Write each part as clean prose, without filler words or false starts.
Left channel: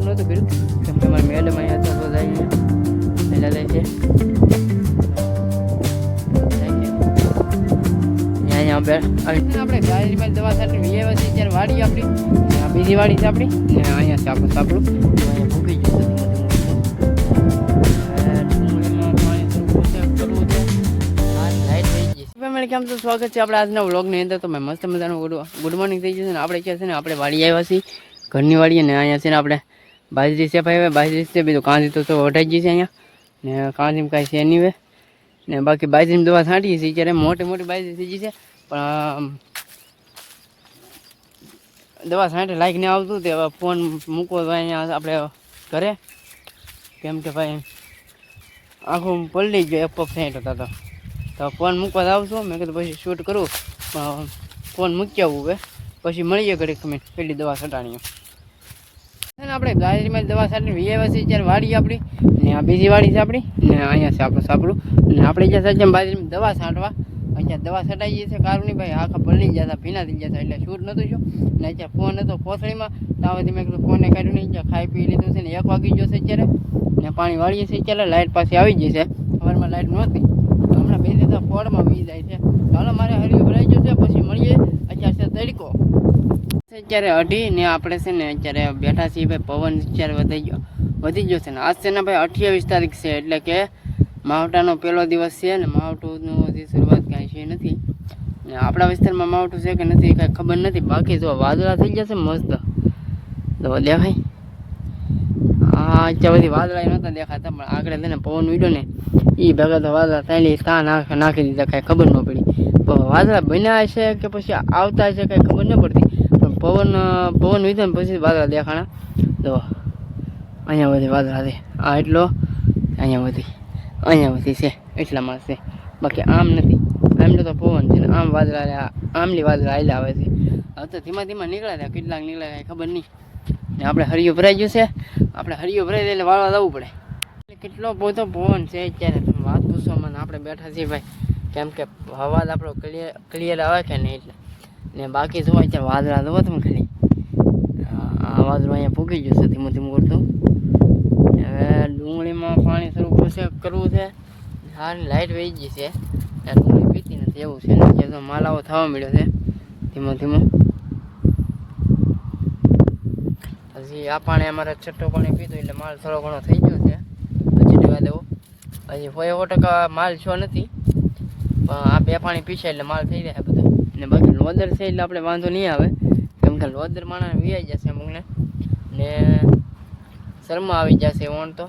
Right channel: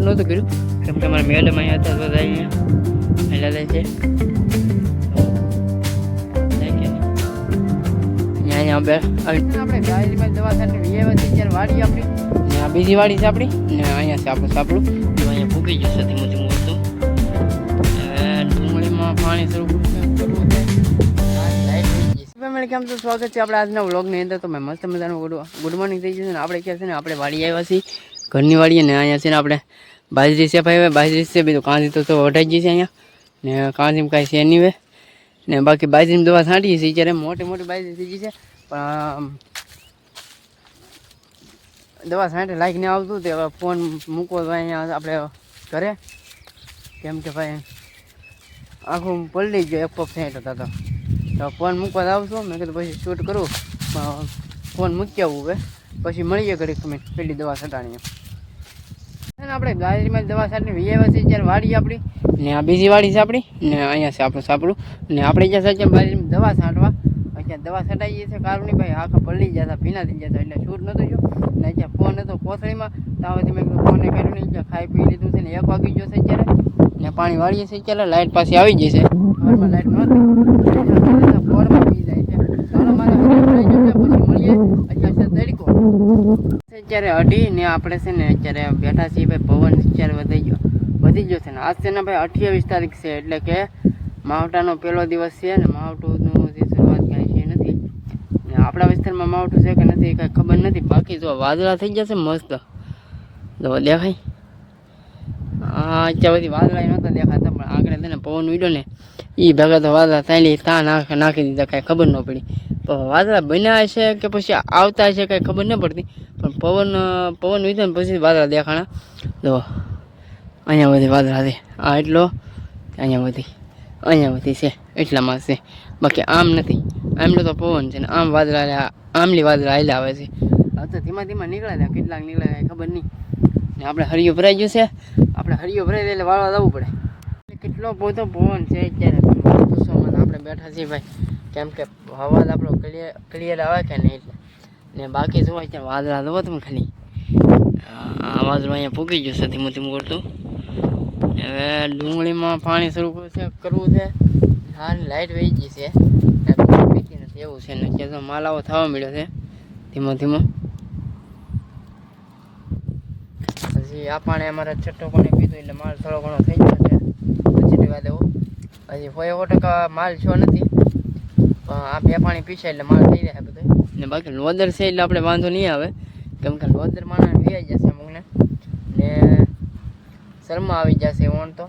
Shoot નહોતું કર્યું કેમ કે અમારા મેડમ અહીંયા હતા બધા અહીંયા હેલા લે છે અહીંયા આપણે ગાયમાં દવા સાથે વ્યવસ્થિત ત્યારે વાડી આપણી બીજી વાડી છે આપણી ને અહીંયા છે આપણું સાપડું અહીંયા ફૂકી ગયું છે ધીમું ધીમું હતું હવે ડુંગળીમાં પાણી શરૂ કરવું છે લાઈટ થઈ ગઈ ફેમિલી કેમ તો સ્વાગત છે આપણે આજના વ્લોગની અંદર. તો મેં મસ્ત મજાનું ગુડ મોર્નિંગ થઈ જશે ને આપણે ક્યાં છે ને આપણે વાડી આવ્યા છીએ ઘરની વાડીએ ને અહીંયા છે ને આપણે બાજરી છે ભાઈ બાજરી છે બીજું કાંજી તો વઢાઈ ગઈ છે અહીંયા ને કાંજીમાં કાંઈ છે નહીં ને બાકી બાજરીની દવા છાંટીએ છીએ ત્યારે મોટી મોટી બાજરી થઈ ગઈ છે પણ દવા છાંટે લાઈક નહીં આવતું તે હવે ફોન મૂકવો તો અહીંયા આપણે ઘરે કેમ કે ભાઈ આખું પલળી ગયો એક પગ છાંટો હતો તો ફોન મૂકવા જ આવશો મેં કીધું પછી શૂટ કરું ફોન મૂકી આવવું હવે પછી મળીએ ઘડી કમેન્ટ પેલી દવા છટાણીઓ અને આપણે ગાયમાં દવા છાંટીને વ્યવસ્થિત જ્યારે વાડી આપણી ને આ બીજી વાડી છે આપણી ને અહીંયા છે આપણું સાપડું ને આપણે જ્યાં સાચે દવા છાંટવા અત્યારે દવા છટાઈ છે કારુની ભાઈ આખા પલળી જતા ભીના થઈ જતા એટલે શૂટ નહોતું જો ને અત્યારે ફોન હતો કોથળીમાં તાવથી મેં કીધું ફોનને કાઢ્યું નહીં ત્યાં ખાઈ પી લીધું છે ને 1 વાગી ગયો છે અત્યારે ને પાણી વાળીએ છીએ અત્યારે લાઇટ પાસે આવી જશે સવારમાં લાઇટ નહોતું ફોડમાં પી જાય છે ચાલો મારે હરી ભરાઈ જશે પછી મળીએ અત્યારે છે તડકો અત્યારે અઢી ને આપણે છે ને અત્યારે બેઠા છીએ ભાઈ પવન અત્યારે વધી ગયો છે ને આજ છે ને ભાઈ 28 તારીખ છે એટલે કે માવઠાનો પહેલો દિવસ છે ને માવઠુંનું શરૂઆત કાંઈ છે નથી ને આપણા વિસ્તારમાં માવઠું છે કે નથી કાંઈ ખબર નથી બાકી જો વાદળા થઈ જશે મસ્ત તો દેખાય અત્યાર બધી વાદળા નહોતા દેખાતા પણ આગળ છે ને પવન ઉડ્યો ને એ ભેગા તો વાદળા તાલી નાખી દીધા કાંઈ ખબર ન પડી પણ વાદળા બન્યા છે કે પછી આવતા છે કાંઈ ખબર ન પડતી પણ પવન ઉડ્યો ને પછી વાદળા દેખાણા તો અહીંયા બધી વાદળા છે આ એટલો અહીંયા બધી છે એટલામાં છે બાકી આમ નથી આમનો તો પવન છે ને આમ વાદળા આમલી વાદળા આવેલા આવે છે હવે તો ધીમા ધીમા નીકળ્યા કેટલાક નીકળ્યા ખબર નહીં ને આપણે હરિયો ભરાઈ ગયું છે આપણે હરિયો ભરાઈ એટલે વાળવા જવું પડે કેટલો બધો પવન છે અત્યારે વાત પૂછવામાં આપણે બેઠા છીએ ભાઈ કેમ કે અવાજ આપણો ક્લિયર આવે કે નહીં એટલે ને બાકી જોવા અત્યારે વાદળા જોવો તમે ખાલી આ વાદળું અહીંયા ફૂકી ગયું છે ધીમું ધીમું કરતું હવે ડુંગળીમાં પાણી શરૂ કરવું છે સારી લાઇટ વહી ગઈ છે પીતી નથી એવું છે ને અત્યારે માલાઓ થવા મળ્યો છે ધીમો ધીમો હજી આ પાણી અમારે છઠ્ઠો પાણી પીધું એટલે માલ થોડો ઘણો થઈ ગયો છે પછી દેવા દેવો હજી 100% માલ છો નથી પણ આ 2 પાણી પીશે એટલે માલ થઈ જાય બધું ને બાકી લોદર છે એટલે આપણે વાંધો નહીં આવે કેમ કે લોદર માણસ વીઆઈ જશે અમુકને ને શર્મા આવી જશે ઓણ તો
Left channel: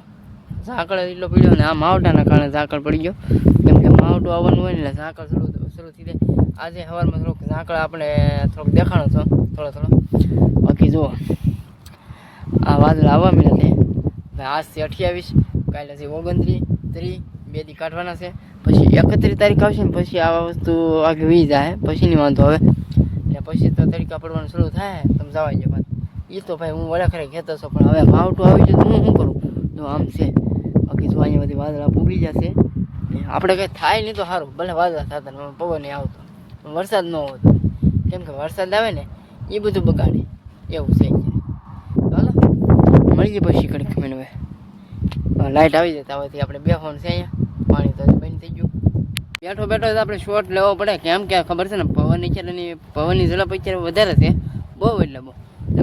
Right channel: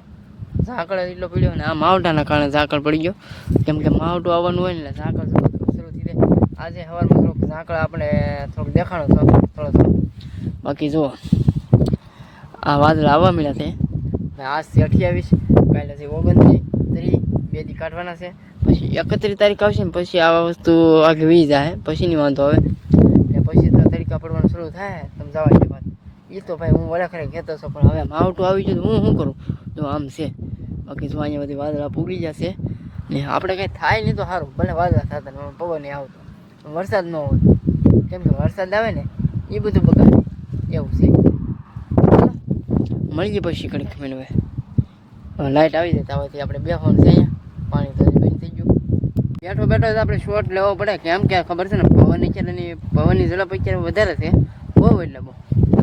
ઝાકળ એટલો પીડ્યો ને આ માવઠાના કારણે ઝાકળ પડી ગયો કેમ કે માવઠું આવવાનું હોય ને ઝાકળ શરૂ થઈ જાય આજે સવારમાં થોડુંક ઝાકળ આપણે થોડુંક દેખાણો થોડો બાકી જુઓ આ વાદળા આવવા મળ્યા છે આજથી 28 કાલે છે 29 30 2 દી કાઢવાના છે પછી 31 તારીખ આવશે ને પછી આવા વસ્તુ આગળ વી જાય પછીની વાંધો આવે ને પછી તો તડકા પડવાનું શરૂ થાય તમે જવા છે વાત એ તો ભાઈ હું વડાખરે કહેતો છો પણ હવે માવઠું આવી જાય તો હું શું કરું જો આમ છે બાકી જો અહીંયા બધી વાદળા પૂગી જશે ને આપણે કંઈ થાય નહીં તો સારું ભલે વાદળા થતા પવન નહીં આવતો વરસાદ ન હોતો કેમ કે વરસાદ આવે ને એ બધું બગાડે એવું છે ચાલો મળી જાય પછી કડીક મેં હવે લાઇટ આવી જતા હોવાથી આપણે બેસવાનું છે અહીંયા પાણી તો બંધ થઈ ગયું બેઠો આપણે શોર્ટ લેવો પડે કેમ કે ખબર છે ને પવનની ઝડપ અત્યારે વધારે છે બહુ એટલે બહુ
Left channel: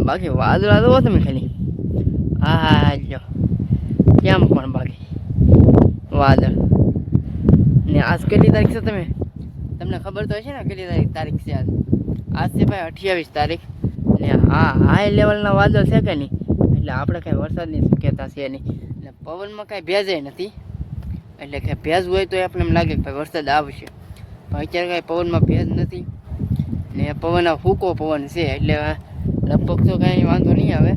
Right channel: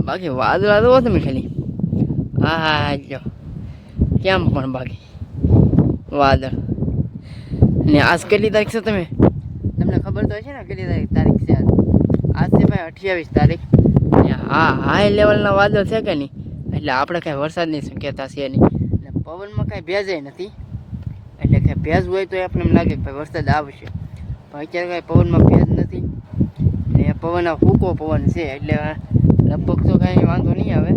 બાકી વાદળા તો તમે ખાલી હા જો કેમ પણ બાકી વાદળ ને આજ કેટલી તારીખ છે તમને ખબર તો હશે ને કેટલી તારીખ છે આજ છે ભાઈ 28 તારીખ ને હા હાઈ લેવલના વાદળ છે કે નહીં એટલે આપણે કાંઈ વરસાદની શક્યતા છે નહીં ને પવનમાં કાંઈ ભેજ નથી એટલે કે ભેજ હોય તો આપણને એમ લાગે કે ભાઈ વરસાદ આવશે પણ અત્યારે કાંઈ પવનમાં ભેજ નથી ને પવન ફૂકો પવન છે એટલે લગભગ તો કાંઈ વાંધો નહીં આવે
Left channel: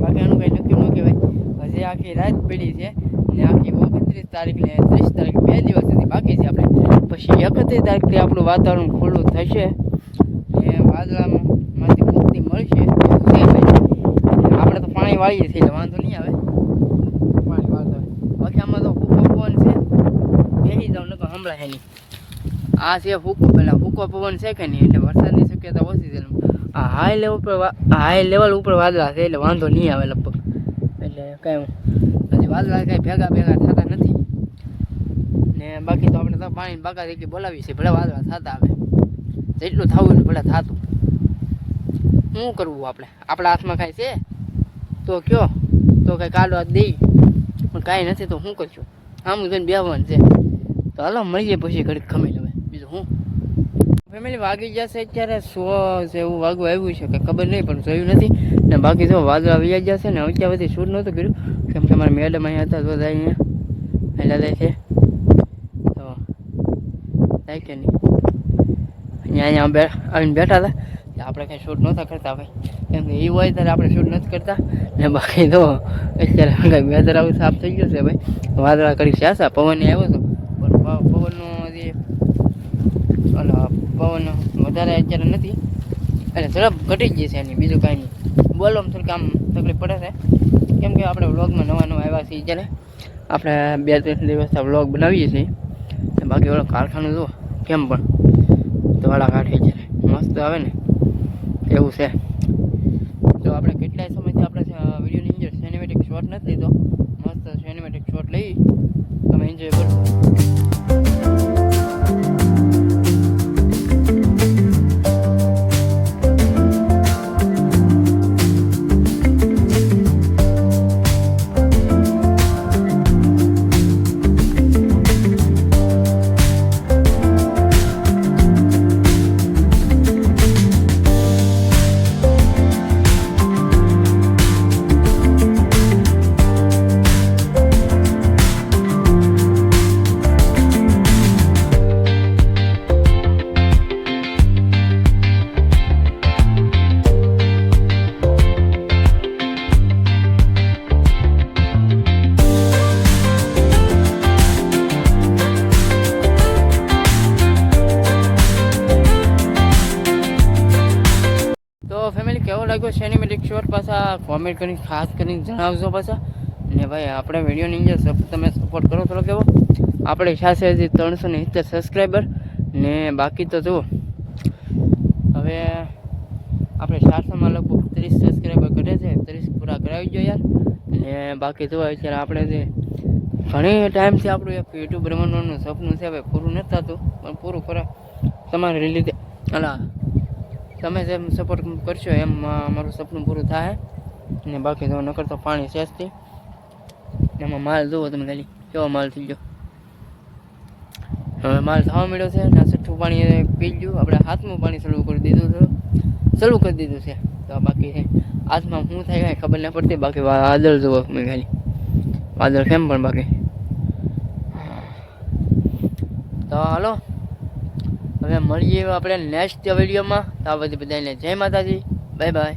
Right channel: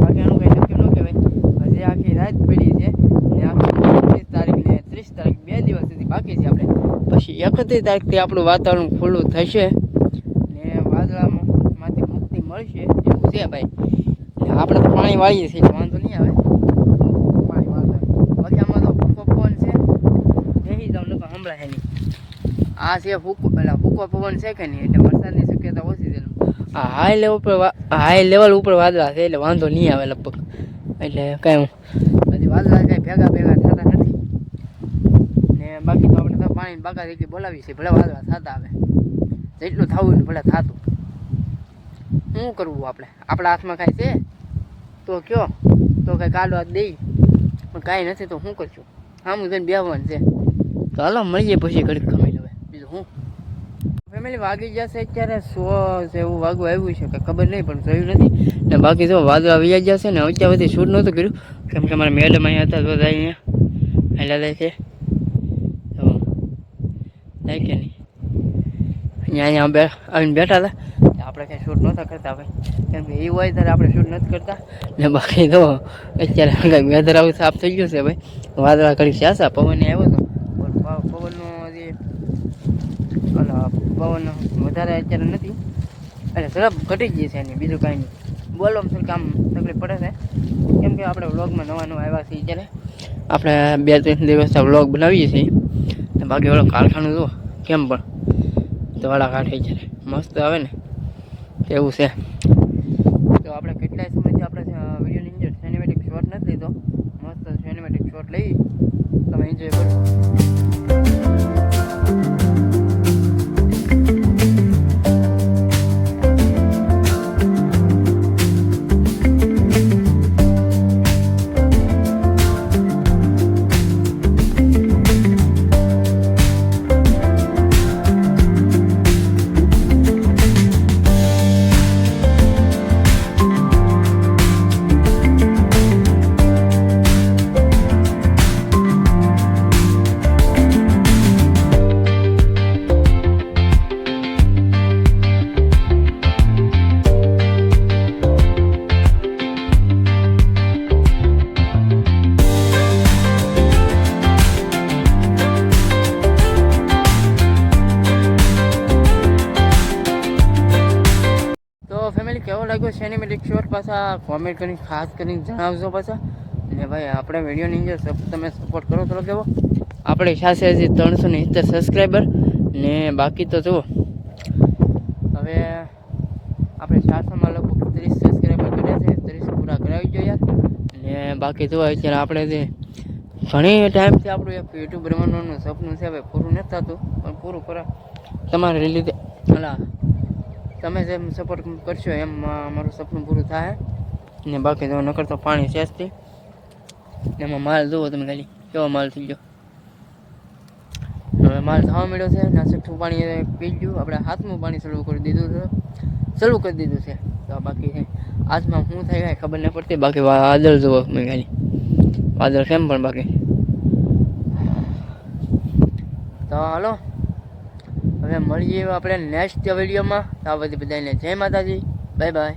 બાકી આનું કાંઈ નક્કી ન કહેવાય હજી આખી રાત પડી છે ને આખી 29 તારીખ ને 30 તારીખ 2 દિવસ સુધી બાકી છે આપણે પછી 31 તારીખથી આપણું વાતાવરણ ખુલ્લું થશે ને વાદળામાંથી મુક્તિ મળશે છે ભાઈ આપણે તો પાણી વાળીએ છીએ વાંધો નહીં આવે પાણી વાળતા બાકી આમાં તો પવન છે બેસી જાવ લોકો હમણાં છે નહીં આ છે પેલા ફૂકો પવન છે કે નહીં, એટલે વરસાદની શક્યતા ઓછી છે. આ હાઈ લેવલ ઉપર વાદળા છે, એટલે વાંધો નહીં આવે લગભગ. એટલે કાંઈ હજી વાદળા કાંઈ ભેગા થતા નથી ને. બાકી તો આપણે તો પાણી બાકા દેખી બોલાવી છે, ભલે વાદળા થતા આવે, જેટલું થવું ને ભલે થતું. શું કરવું આપણા હાથમાં કાંઈ છે તો કયો, તો કાંઈ કાઢવા દઈ, પણ કાંઈ નથી તો શું કરશું? આમ જઈને બેવાનું છે. તો હાલો મળીએ પછી ઘડીક ખમી લેવાય, બીજું શું. ફેમિલી વાગી જશે અત્યારે 100 એવું વાગવું આવ્યું છે કે ખબર નહીં, પણ જોયું નથી ને. બાકી તો વાદળા આવી જશે ને. અત્યાર સુધી શૂટ નહોતું કર્યું કેમ કે અમારા મેડમ અહીંયા હતા, તો અહીંયા હેલા જાય છે તો થાય કે નહીં. અહીંયા આવીને બેઠા હતા, આપણે કાંઈ શૂટ નહોતા કરતા ભાઈ, કેમ કે એ હોય ત્યારે આપણે શૂટ નથી કરતા ને. બાકી તો અત્યારે કાંઈક વેધર આવું સાફ થઈ ગયું છે ભાઈ. વાદળા કરી છે, પવન આવ્યો હતો, પવનનો જે પવન વધારે અત્યારે નથી, એટલે ઝડપ ઘટી ગઈ છે એની, બીજું કાંઈ નહીં. બોલવામાં થોડીક આમ તકલીફ પડે છે કેમ કે આપણે વ્લોગમાં નવા આવ્યા છીએ ત્યારે. આપણે 2-3 દિવસ વ્લોગ બનાવીએ છીએ. બાકી ઓલો કારખાનું જુઓ કેમ પણ ધોળા કાઢે છે, મસ્ત આવે ને એવું છે. તો આપણે કેટલાય સમયથી આપણે વિડીયોની અંદર સિનેમેટિક શોટ નથી લીધો, મસ્ત સિનેમેટિક શોટ લઈ તમે એન્જોય કરો. ફેમિલી કેવો લાગ્યો સિનેમેટિક શોટ પાછા કોમેન્ટ કરીને ખાસ કરીને જણાવજો પાછા. ને ભાઈ આપણે વિડીયોની અંદર તમે સપોર્ટ કરો થોડો કેવો. આપણે સાથે હજી 370 સબસ્ક્રાઈબર ને. બાકી તો જુઓ હવે આપણે 400માં લગભગ 30 સબસ્ક્રાઈબર કર્યા છે, 30 પૂરા કરાવી જોઈએ યાર. ને બાકી જુઓ અત્યારે આપણે જે ઘણી ટાઈમથી આપણું એક યુટ્યુબ બનવાનું સપનું છે, હવે પૂરું નથી થતું, પણ પૂરું કરો તમારે લીધે. તમે જેમ સપોર્ટ કરશો એમ મારું સપનું પૂરું થાય ને. બાકી જો નકર તો પાણી સેજથી એમાં માલ જુઓ તમે ખાલી કેવો માલ થઈ ગયો. હવે માલ થવા મળ્યો છે ને. છઠ્ઠું પાણી પી ગયું, આપણે હાથમાં પાણી ચાલુ કરી દીધું છે. તો બાકી હાથમાં શું થાય કાંઈ ખબર નહીં પડતી. બાકી વાદળ જુઓ મેં ખાલી, વાદળ કેમ પણ બાકી. તો હાલો હવે મળીએ આપણે નેક્સ્ટ વિડીયોમાં. તો આ બધી બધાને જય માતાજી, બાય બાય.